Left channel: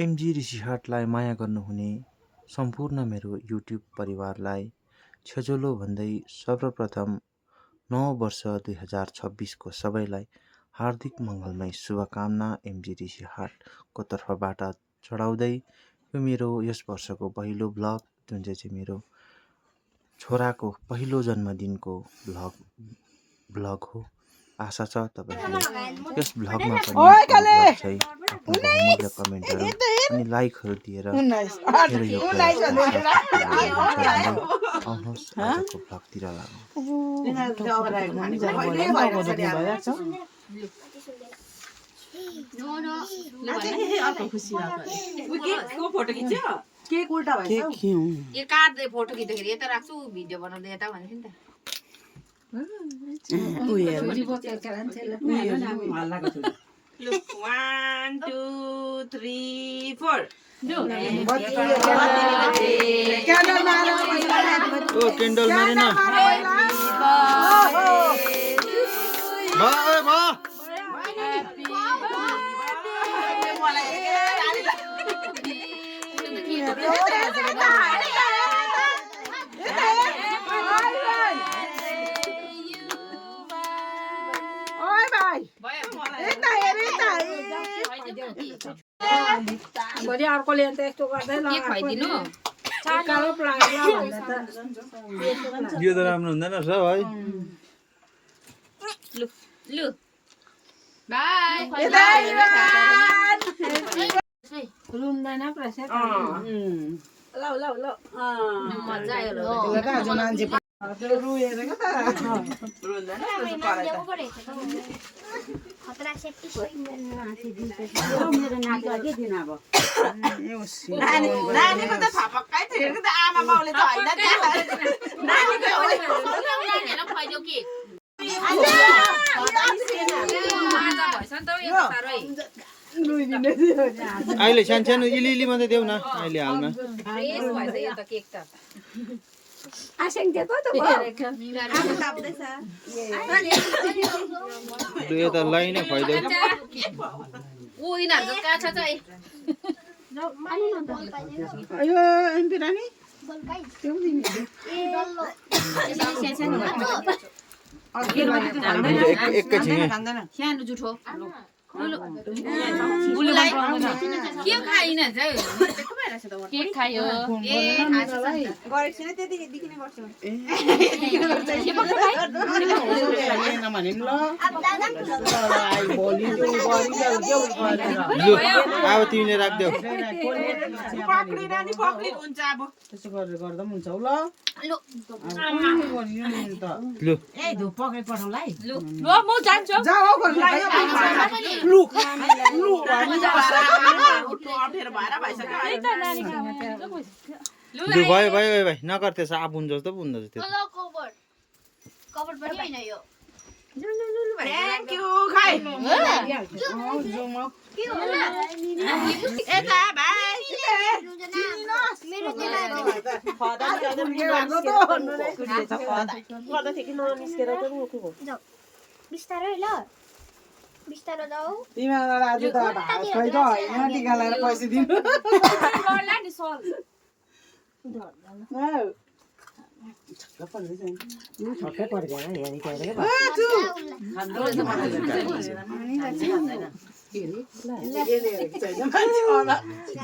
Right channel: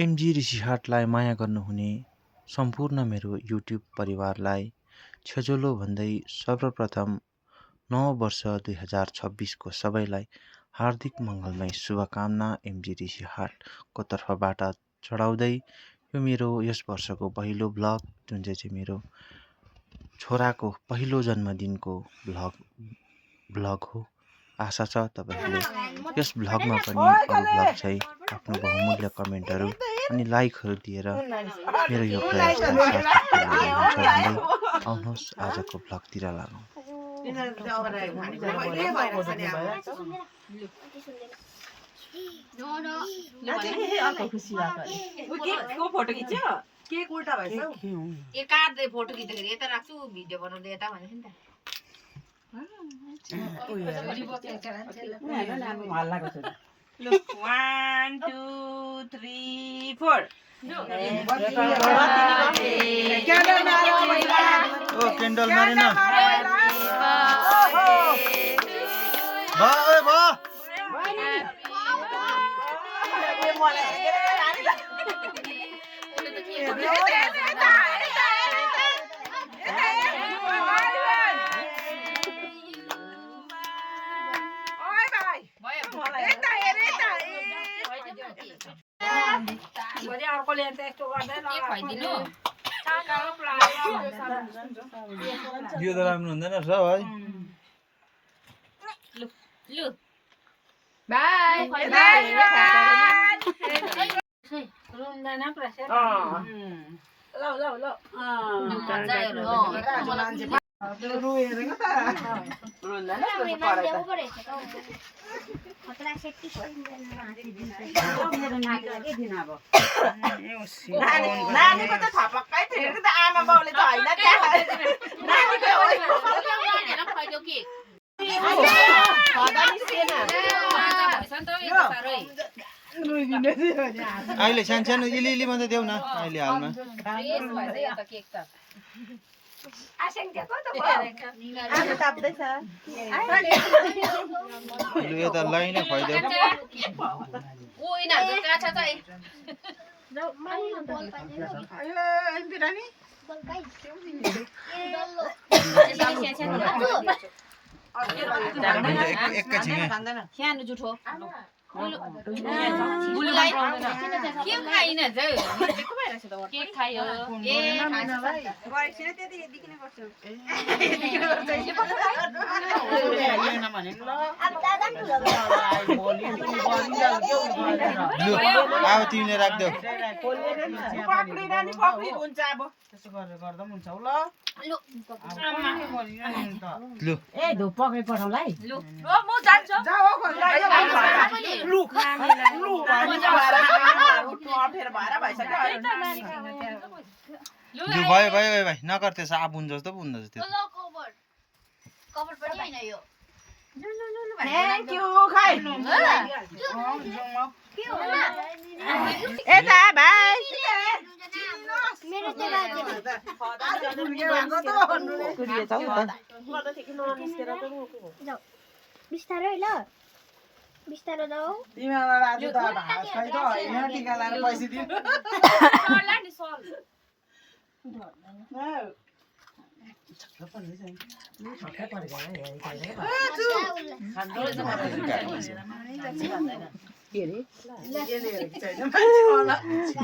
MG ऋषिहाटलाई माया गर्नुहुने सम्पूर्ण मेरो युट्युब परिवारलाई छेजोलो भन्दै सर्वप्रथम नव वर्ष 2026 को सबैलाई हार्दिक मङ्गलमय शुभकामना एमजी ऋषिहाटको तर्फबाट चढाउँदै यो मेरो यस वर्षको पहिलो भ्लग जुन चाहिँ मेरो छोराको पहिलो जन्मदिनको भ्लग हो। आशा छ तपाईहरुले यस भ्लगमा पनि अरु भ्लग चाहिँ आफ्नो बहुमूल्य कमेन्टहरु अनि लाइकहरु दिएर मेरो यो प्रयासलाई सार्थक बनाउनुहुन्छ भन्दै आउनुहोस् आजको भ्लगतिर लागौं। फोटो खिच्यो केक उल्टा भएछ ए काट्दै फोटो खिच्दाखेरि यता राख्छु भिडियो बनाउँदै यता भन्थे नि त Look, 1, 2, 3, 4. ओ क्यान्डल मारेन भा भा अर्कोले यस्तो गर्दैन के खुवाइदिनु यो त राम्रो हुँदैन रहेछ है। लु लु बाइ रुन्दैन प्रेसर ल ल ल मजा आयो रुहेरेको त रुन्दैन मेरो नातिलाई के दिन अब नानीको त थपक्कै थियो कि त आमा बाउले त हैन नानीको खुवाइदेऊ के अहिले सानो इलिली मात्रै देऊ न अहिले हालमा लु यता लाई नै खुवाइदेऊ सानो जुठो के खाइन के खायो ए लु अब तिमीले राख्देऊ लु ए धु पक्रि पठाउलाई लु म जान्छु लु भयो भयो भाइ नगर त्यसो आफू हुन्छ जस्तो पो हुन्छ त्यो बिस्तारै ल बिस्तारो जाऊ तिमीलाई आज त भात खाइ त हैन टिका लाएर पैसा दिनु सरला नि सर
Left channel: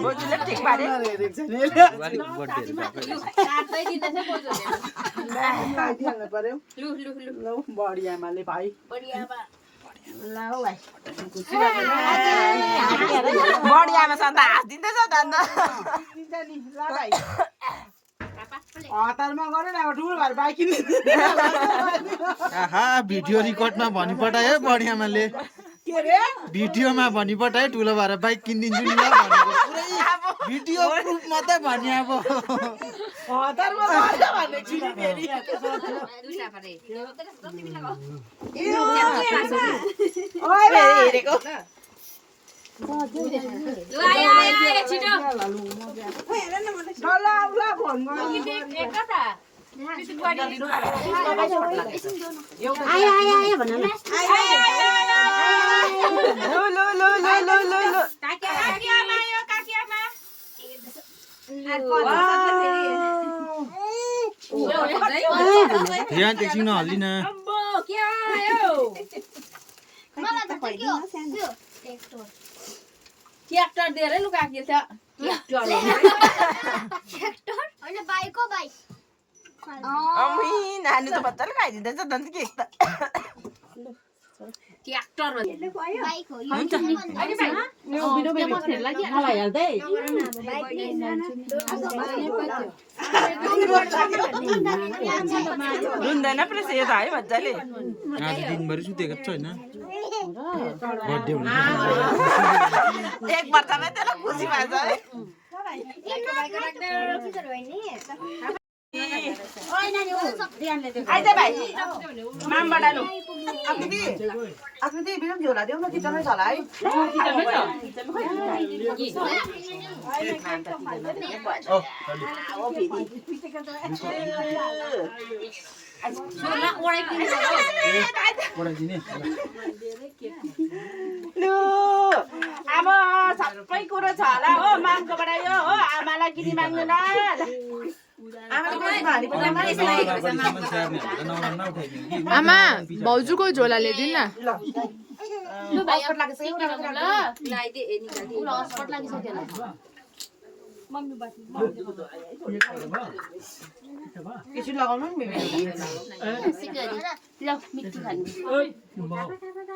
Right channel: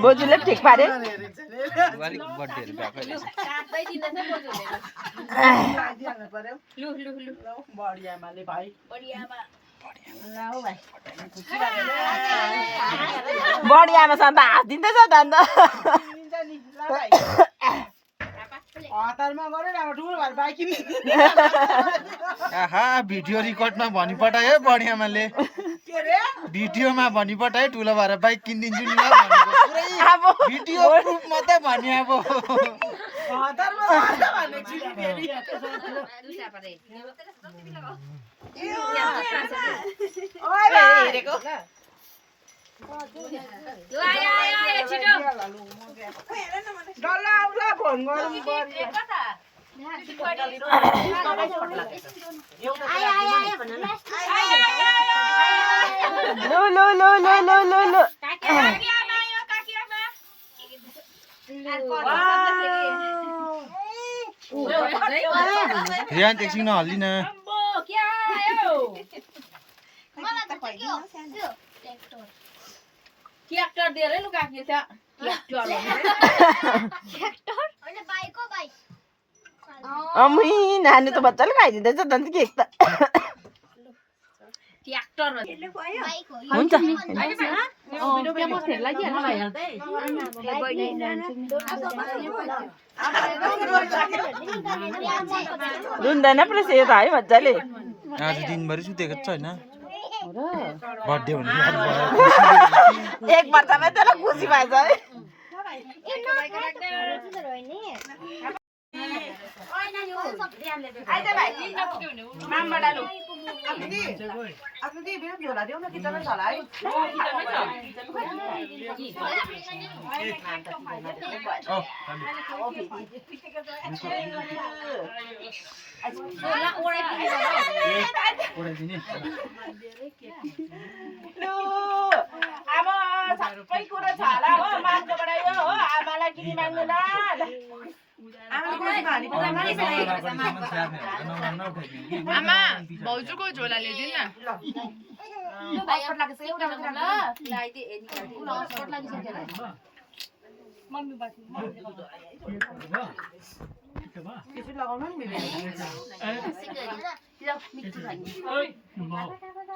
बोजूले ठिक पारे लु लु लु बढियामाले भाइ बढियामा ल भाइ बढियामा सन्त हाँसिदिँदैछ त अन्त हतारमा गरे न अब ठुलो भएर बाइक किन्नु आहा भिडियो रिकर्डमा भनिपठायो बढियामाले के रे भिडियोमा भनिपठायो ठुलो भएर बाइक किनिदिन्छु नि ल भनेको पुरै भिडियो प्रुफ मात्रै भन्यो अब हतारमा गरे भने छिरी फेरि दुईटा परे ओइ हेरेको लु आयो आयो आयो छिटो डल्ला उला फोन गरौँ कता आयो आयो आयो भन ल लो लो लो लो लो लो काकी आमा आयो काकी यहाँ एकछिन नहल्दिन मलाई त के हो त्यो ट्र्याक्टर ट्र्याक्टर दिएर लुगा किन्छ ट्र्याक्टर होइन बाइक हो बाइक अम्मी नानी त बच्चाले खाइदिँदैछ त के त ट्र्याक्टर बाइक हो हुन्छ रुन्दैन प्रेस यो त है मजाले आज दिनभरि सुतेको छैन बर्थडे हुने एक वर्षमै त्यसलाई खुसी भएछ है आइज भाइ मामबाट लु आफ्नो दिदी बिरम झोला देऊ न किचनमै छ होला है लु अब सबै कुरो छ होला हो मामकोबाट यो हो आमालाई किनी माग्नु न आमा भाउजूको झोला ल्याइदिनु न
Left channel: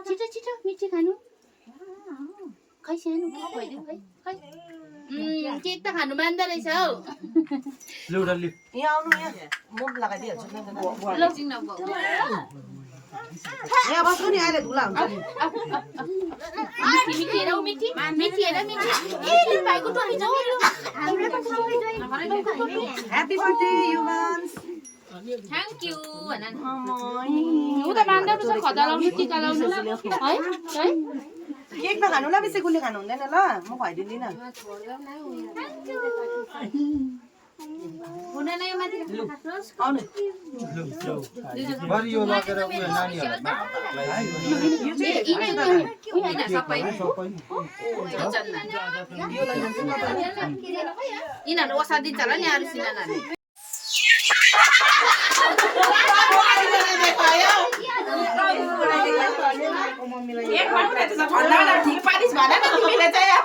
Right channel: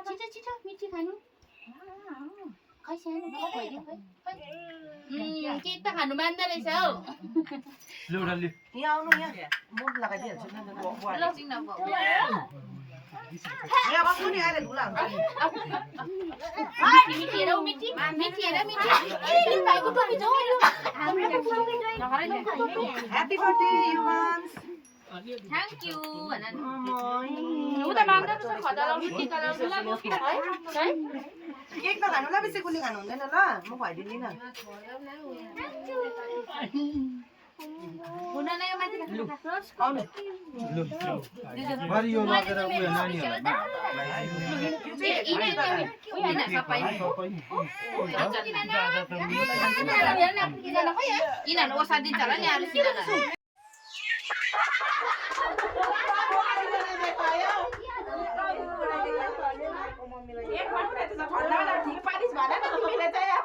छिटो छिटो मिठी खानु खै सानो भइदिउँ खै केक त खानु मान्दो रहेछ हौ यहाँ आउनु यहाँ मुख लगाइदिइहाल्छु यहाँ बस्नु नि आएर धुला हुन्छ मिठी हेरौ मिठी मिठी हेर मिठी ए लु भाइको पनि जाऊ हाम्रो त सँगै जोइन ह्यापी बर्थडे युवान्स थ्याङ्क यू भन न उ त मान्दा पो छ खतरा मिठी गराउनु ल है है केक नखानु ल बेसी गुलियो खानु हुँदैन ल म खुवाइदिँदिनँ हुँदैन यो माथि आउनु बरु यो लगेर उयो नानीहरूलाई सबै यिनीहरू ओसा दिन्छ होला नि अरू सिनानाहरू एक भन्नु त ठन्डा ठिक पारिस भन न तिमीले चाहिँ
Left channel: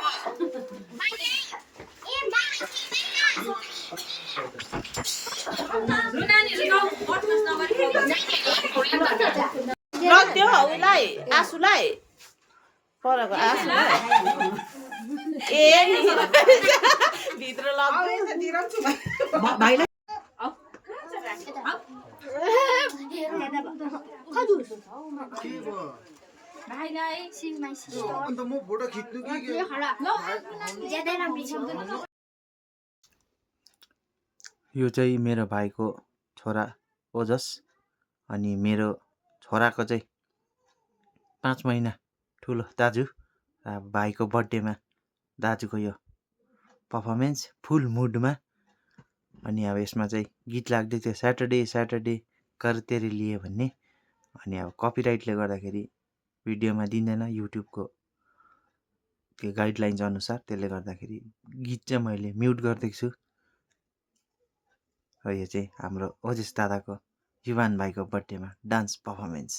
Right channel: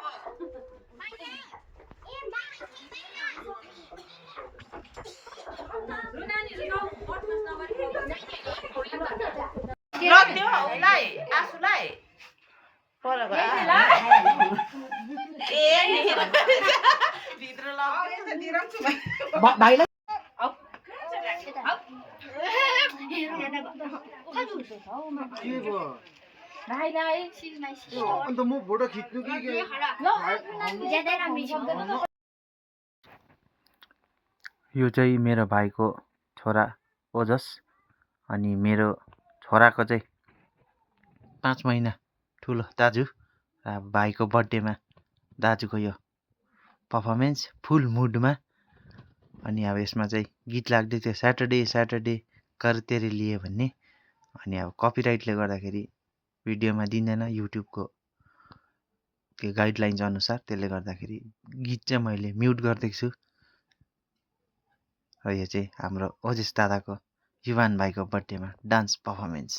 नदियो उसलाई आसुलाई परको ए भित्र भाइलाई भाइलाई सी माइ सिस्टर अन्त म फोटो खिच्नु कि ज्यादा राम्रो छ यो चाहिँ मेरो भाइको छोरा ओजस अनि मेरो छोराको चाहिँ 5 महिना ठुलो दाजु र भाइको बर्थडेमा दाजुको यो पर्फर्मेन्स फुल मुडमा अनि अब यसमा चाहिँ गीत लाग्दै थियो स्याटरडे कर तेरे लिए भन्ने अनि अब कपिराइटले गर्दाखेरि भिडियोमा दिँदैन युट्युबको त्यो गाइडलाइन्स अनुसार त्यसले गर्दाखेरि गीत चाहिँ मैले म्युट गरिदिएको छु र यो चाहिँ हाम्रो ओजेस दादाको युवान भाइको बर्थडेमा डान्स पर्फर्मेन्स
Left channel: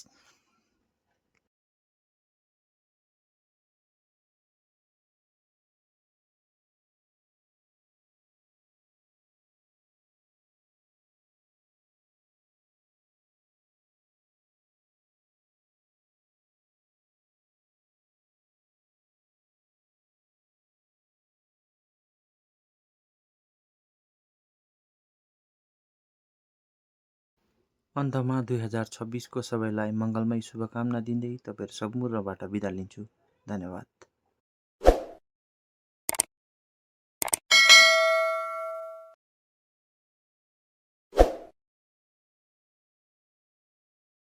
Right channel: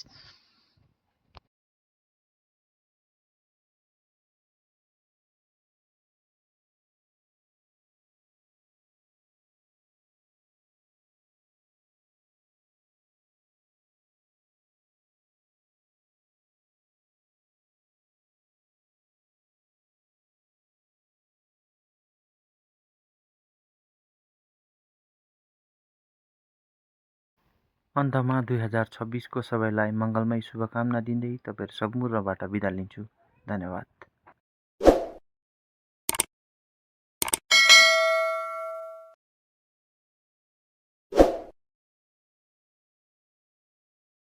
अन्तमा 2026 को सबैलाई मङ्गलमय शुभकामना दिँदै तपाईहरु सम्पूर्णबाट बिदा लिन्छु। धन्यवाद।